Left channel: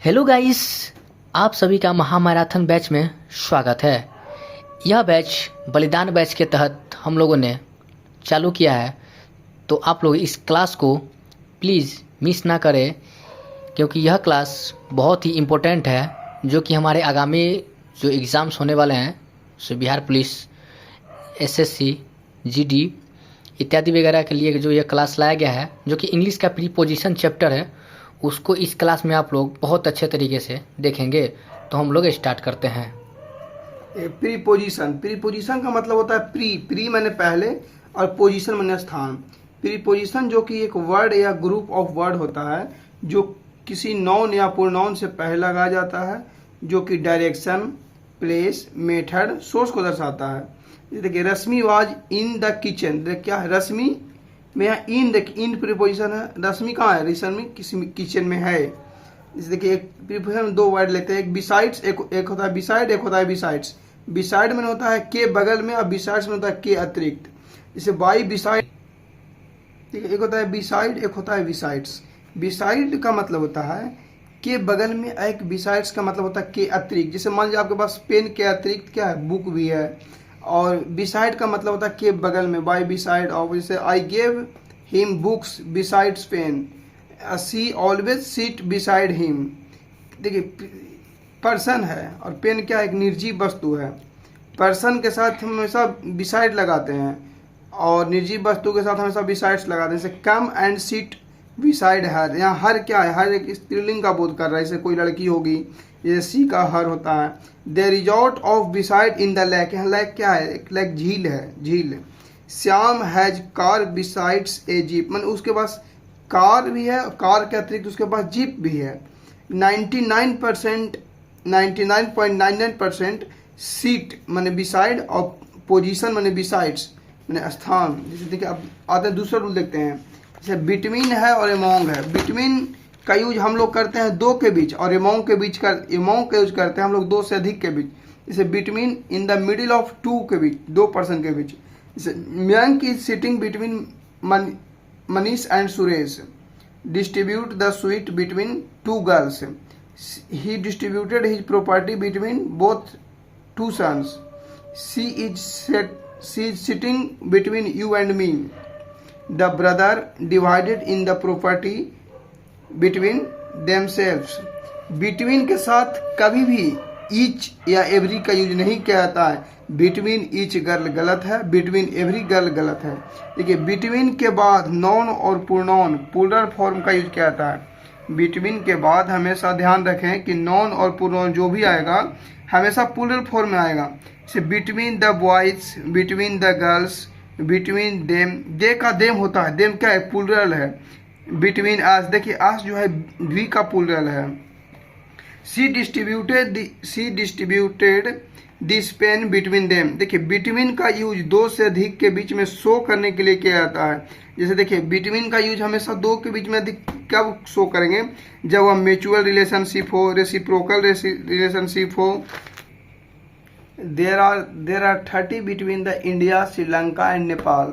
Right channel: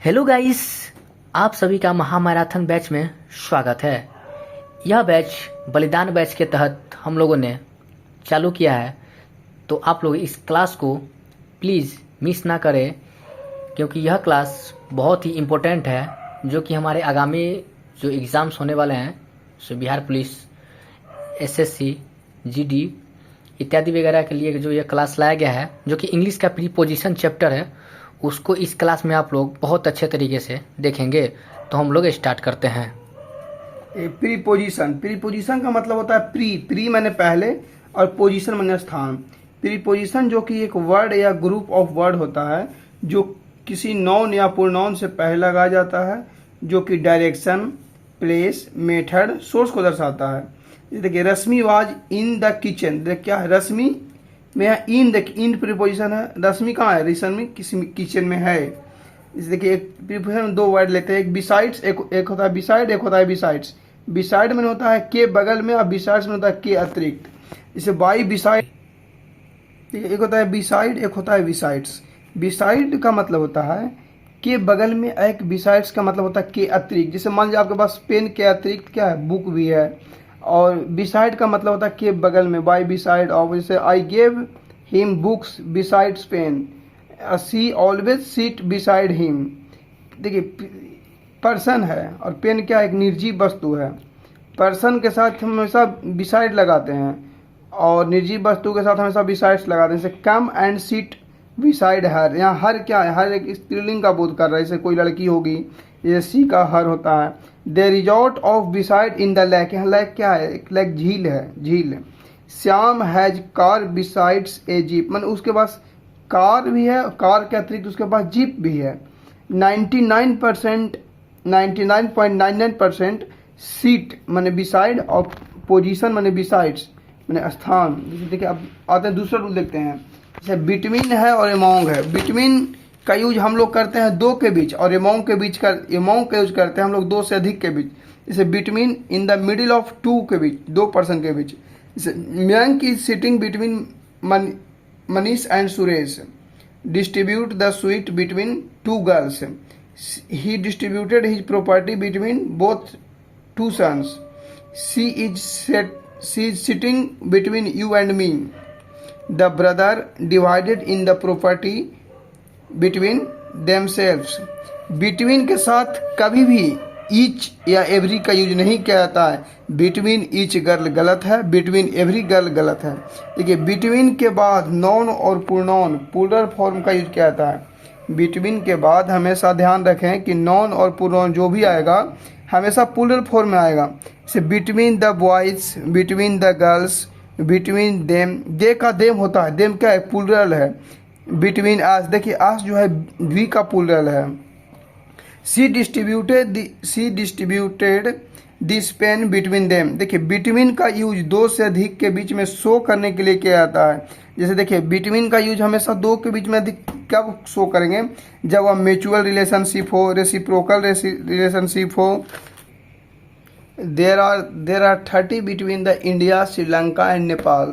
Hello guys, आप सभी का महामैराथन बैच में स्वागत है। यह बैच बलिदान बैच के तहत हम लोगों ने चालू किया है, तो आप लोग इस क्लास को प्लीज़ मिस ना करें, क्योंकि यह क्लास बहुत ही इम्पोर्टेंट है, जो कि हमारे आगामी जो एग्ज़ाम्स होने वाले हैं, सो बिहार पुलिस, एसएससी, जीडी इत्यादि वगैरह के लिए जो यह क्लास लाया गया है, जो कि इंग्लिश का प्रीपोजिशन चैप्टर है, उसको इस क्लास में आप लोग बहुत अच्छे तरीके से देखेंगे। तो हम लोग स्टार्ट करते हैं। प्रीपोजिशन का मतलब होता है प्री माने पहले और पोजीशन माने स्थान। प्रीपोजिशन जो कि एक वर्ड या ग्रुप ऑफ वर्ड होता है जो किसी नाउन या प्रोनाउन से पहले लगाया जाता है, जो कि डायरेक्शन, प्लेस, मेथड, सोर्स को दर्शाता है। देखिए, रश्मि वाज इन द किचन। क्या है? रश्मि में इन, देखिए इन प्रीपोजिशन है। रश्मि कहाँ है? रश्मि किसी किचन में है। इस देखिए, एक प्रीपोजिशन में दो वर्ड लेते हैं, एक बिसाइड्स, एक होता है बिसाइड, एक होता है बिसाइड्स। बिसाइड में होता है के बगल में और बिसाइड्स में होता है के अतिरिक्त। इसे बाई बिसाइड, ठीक है, एक होता है बिसाइड, एक होता है बिसाइड्स। बिसाइड का मतलब होता है के बगल में, एक बिसाइड्स का मतलब होता है के अतिरिक्त। जैसे मान लीजिए आपके पास पेन के अतिरिक्त क्या है? बुक भी है। और बिसाइड का मतलब होता है के बगल में, बाय बिसाइड ऑफ। जैसे I gave him books besides pen, she always sit beside him. देखिए, पर्सन है और पेन क्या है? एक निर्जीव वस्तु है। पर्सन के साथ हम हमेशा बिसाइड लगाते हैं और निर्जीव वस्तु के साथ हमेशा बिसाइड्स लगाते हैं। जैसे come and sit beside her. यहाँ हर क्या है? हर एक स्त्रीलिंग का बोध कर रहा है, जैसे कोई लड़की होगी, जैसे सी का हर होता है। They resort of beside in the lake. यहाँ लेक क्या है? एक लेक झील है, झील। Shyam has car besides a jeep, मतलब उसके पास कार भी है, कार के अतिरिक्त उसके पास जीप भी है। 99.99% सीट माने बिसाइड और पोजीशन माने बिसाइड्स माने स्थान। जैसे देखिए, अब आते दूसरा रूल देखते हैं। जैसे बिटवीन है और एमोंग है। बिटवीन का यूज हम लोग करते हैं दो के बीच, और एमोंग के बीच का, एमोंग का यूज करते हैं हम लोग दो से अधिक के बीच। जैसे between in the middle of two के बीच, दो पर्सन के बीच। जैसे Mayank is sitting between Manish and Suresh. Distribute the sweet between two girls. He distributed his property between both two sons. She is sitting between you and me. The brother divided in the property between themselves. Between के साथ कभी भी each या every का use नहीं किया जाता है। बिटवीन ईच गर्ल गलत है, बिटवीन एवरी गर्ल गलत है। देखिए, बिटवीन के बाद नॉन और प्रोनाउन प्लूरल फॉर्म का यूज किया जाता है। बिटवीन के बाद हमेशा ध्यान रखें कि नॉन और प्रोनाउन जो भी आएगा हमेशा प्लूरल फॉर्म में आएगा। जैसे between the boys, between the girls, between them. They का देम होता है, देम क्या है? प्लूरल है। बिटवीन आस, देखिए आस जो है वी का प्लूरल है। She distributed this pen between them. देखिए, बिटवीन का यूज दो से अधिक के बीच में शो करने के लिए किया जाता है। जैसे देखिए, बिटवीन का यूज हमेशा दो के बीच में अधिक कब शो करेंगे? जब वह म्यूचुअल रिलेशनशिप हो, रेसिप्रोकल रिलेशनशिप हो। There are 30 between the India, Sri Lanka and Nepal.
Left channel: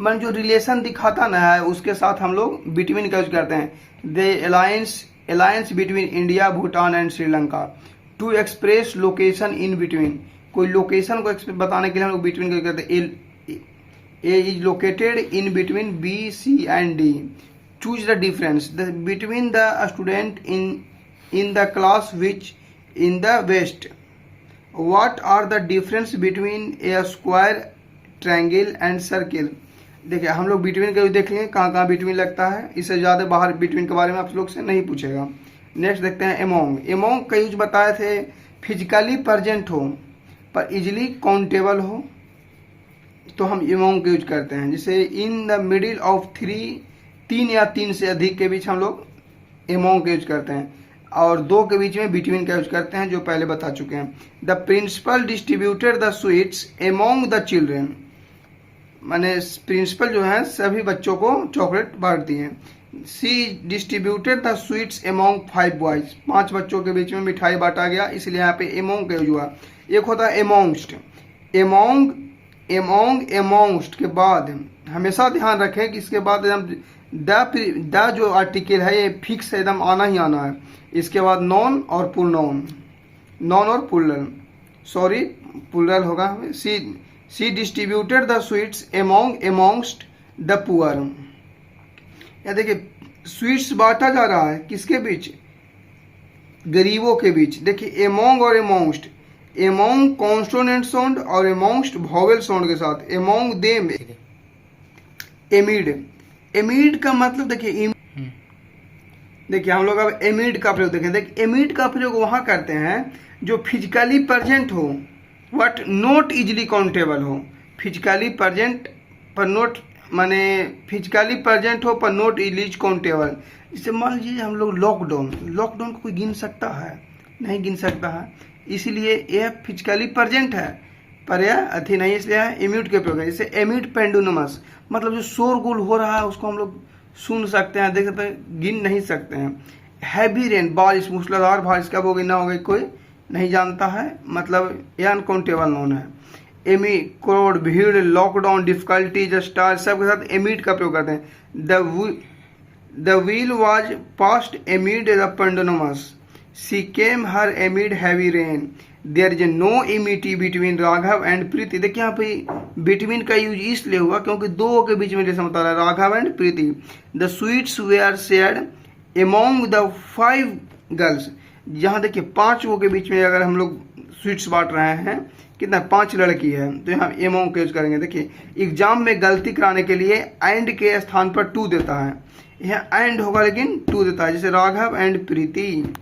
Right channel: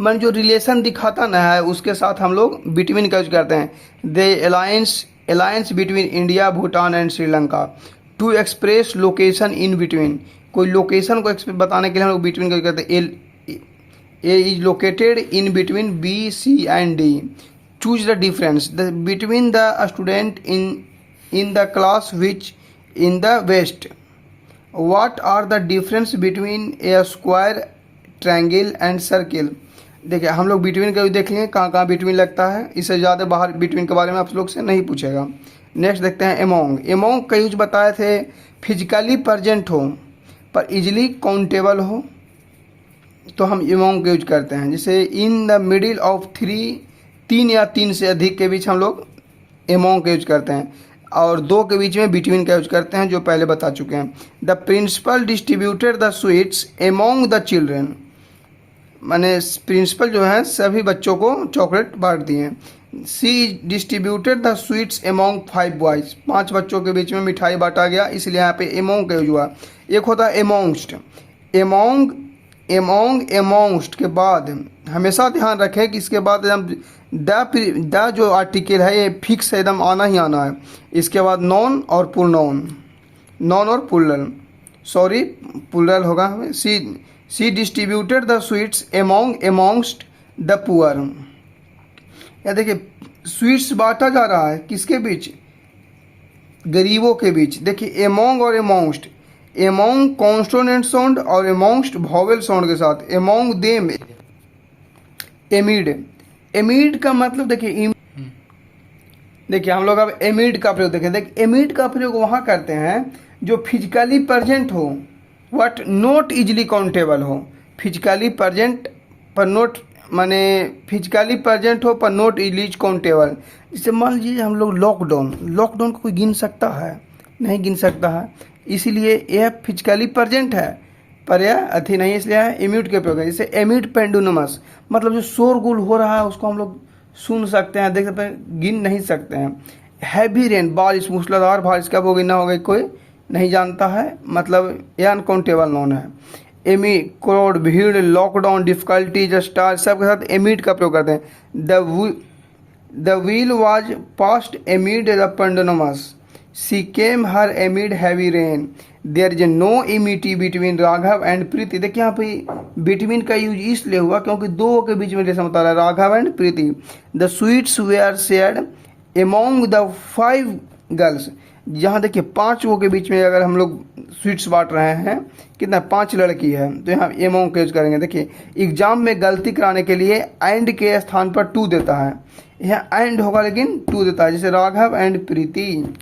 मन जो रिलेशन दिखाता ना है, उसके साथ हम लोग बिटवीन का यूज करते हैं। The alliance between India, Bhutan and Sri Lanka. To express location in between, कोई लोकेशन को बताने के लिए हम लोग बिटवीन का यूज करते हैं। A is located in between B, C and D. Choose the difference between the student in the class which in the west. What are the difference between a square, triangle and circle? देखिए, हम लोग between का भी देखेंगे कहाँ कहाँ between लगता है। इससे ज़्यादा बाहर बिटवीन के बारे में आप लोग से नहीं पूछेगा। नेक्स्ट देखते हैं एमोंग। एमोंग का यूज बताए थे, फिजिकली प्रेजेंट हो पर इजिली काउंटेबल हो, तो हम एमोंग का यूज करते हैं। जैसे इन द मिडिल ऑफ थ्री, तीन या तीन से अधिक के बीच हम लोग एमोंग का यूज करते हैं। और दो के बीच में बिटवीन का यूज करते हैं, जो पहले बता चुके हैं। The principal distributed the sweets among the children. माने प्रिंसिपल जो है सभी बच्चों को चॉकलेट बांट दिए। She distributed the sweets among 5 boys. 5 बच्चों के बीच में मिठाई बांटा गया, इसलिए यहाँ पे एमोंग का यूज हुआ। एक होता है एमोंगस्ट। एमोंग एमोंग एमोंगस्ट के बाद हमेशा ध्यान रखें कि इसके बाद एकदम द जो आर्टिकल है ये फिक्स है, एकदम आना ही आना है। इसके बाद नॉन और पुलनॉन, नॉन और पुलर, सॉरी पुलर होगा। She distributed the sweets amongst the poor. या देखिए स्वीट्स बांटा जा रहा है किसके बीच, गरीबों के बीच। देखिए एमोंग और एमोंगस्ट, एमोंग कॉन्सोनेंट साउंड और एमोंगस्ट वॉवेल साउंड के साथ, एमोंग देम एमिड। एमिड का मतलब देखिए हम लोग अब एमिड का प्रयोग देखें। देखिए एमिड का प्रयोग वहाँ करते हैं जो फिजिकली प्रेजेंट हो बट नॉट इजिली काउंटेबल हो। फिजिकली प्रेजेंट पर नोट माने फिजिकली प्रेजेंट हो पर नॉट इजिली काउंटेबल। जैसे मान लीजिए हम लोग लॉकडाउन को कोई गिन सकता है, नहीं गिन सकता है, इसीलिए यह फिजिकली प्रेजेंट है पर यह अथी नहीं, इसलिए एमिड के प्रयोग है। जैसे एमिड पेंडुलमस मतलब जो शोरगुल हो रहा है उसको हम लोग सुन सकते हैं, देख सकते हैं, गिन नहीं सकते हैं। हैवी रेन बारिश, मूसलाधार बारिश कब होगी ना होगी कोई नहीं जानता है, मतलब यह अनकाउंटेबल नॉन है। एमी क्राउड भीड़, लॉकडाउन, डिफिकल्टीज, स्टार सबके साथ एमिड का प्रयोग करते हैं। The wheel was past amid the pendulums, she came her amid heavy rain, there is no amity between Raghav and Preeti. देखिए यहाँ पे बिटवीन का यूज इसलिए हुआ क्योंकि दो के बीच में जैसा बता रहा है, Raghav and Preeti. The sweets were shared among the 5 girls. यहाँ देखिए 5 के बीच में अगर हम लोग स्वीट्स बांट रहे हैं, कितना 5 लड़की है तो यहाँ एमोंग का यूज करेंगे। देखिए एग्जाम में गलती कराने के लिए एंड के स्थान पर टू देता है, यहाँ एंड होगा लेकिन टू देता है, जैसे राघव एंड प्रीति।